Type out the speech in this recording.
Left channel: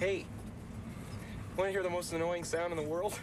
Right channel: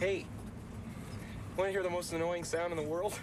Hey, want to hear the most annoying sound in the world?